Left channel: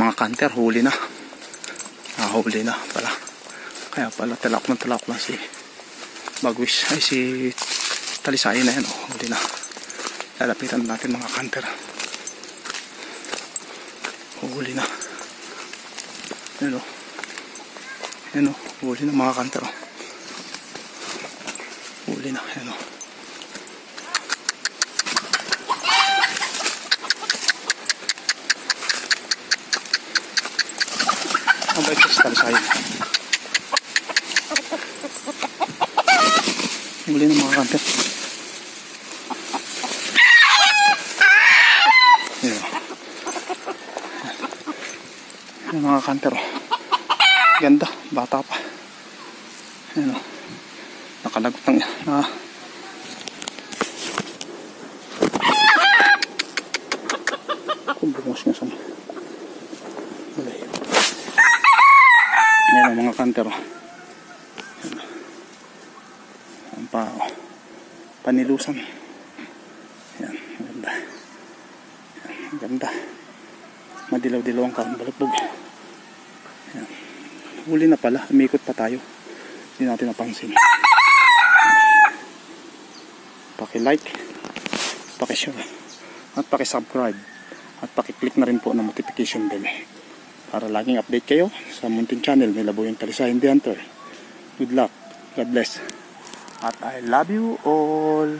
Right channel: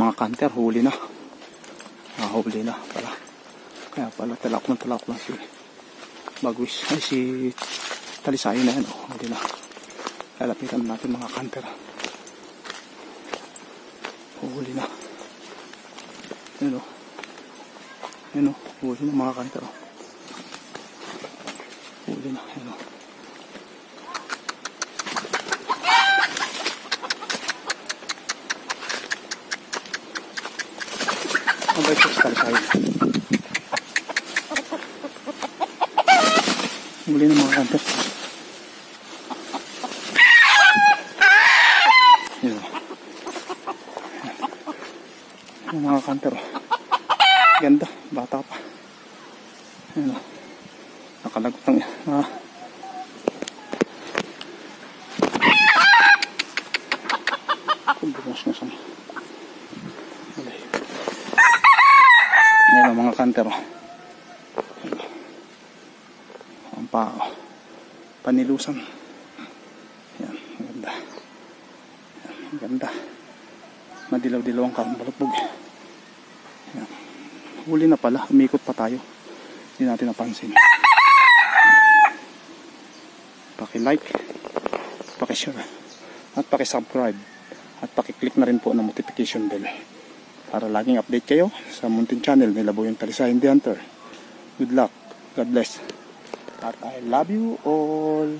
Mga kanter, huli na. Huli na pala. Kaya pala talak lang si Bagwis. Ay si Talisayin na yan. Huli na. Lalapitan natin mga kanter. Huli na. Yan o. Yan o. Huli na mga kanter. Huli na. Yan o. Ang bait sa Talisayin. Huli na mga kanter. Yan o. Yan mga kanter. Ganda. Bata pa. Yan o. Nakalagot ng kung bumos nga sa wala yun. Yan o mga kanter. Ang panilusan. Yan. Ganda. Yan. Ganda. Madilaw-dilaw ang karambalutbog. Yan. Huli na pala. Umikot pa tayo. Hindi natin napansin. Paki-like, paki-share, at paki-subscribe, at paki-click na rin po ng notification bell para laging update kayo sa munting channel nila Boyong Talisayin The Hunter. Good luck. God bless. At I love you all.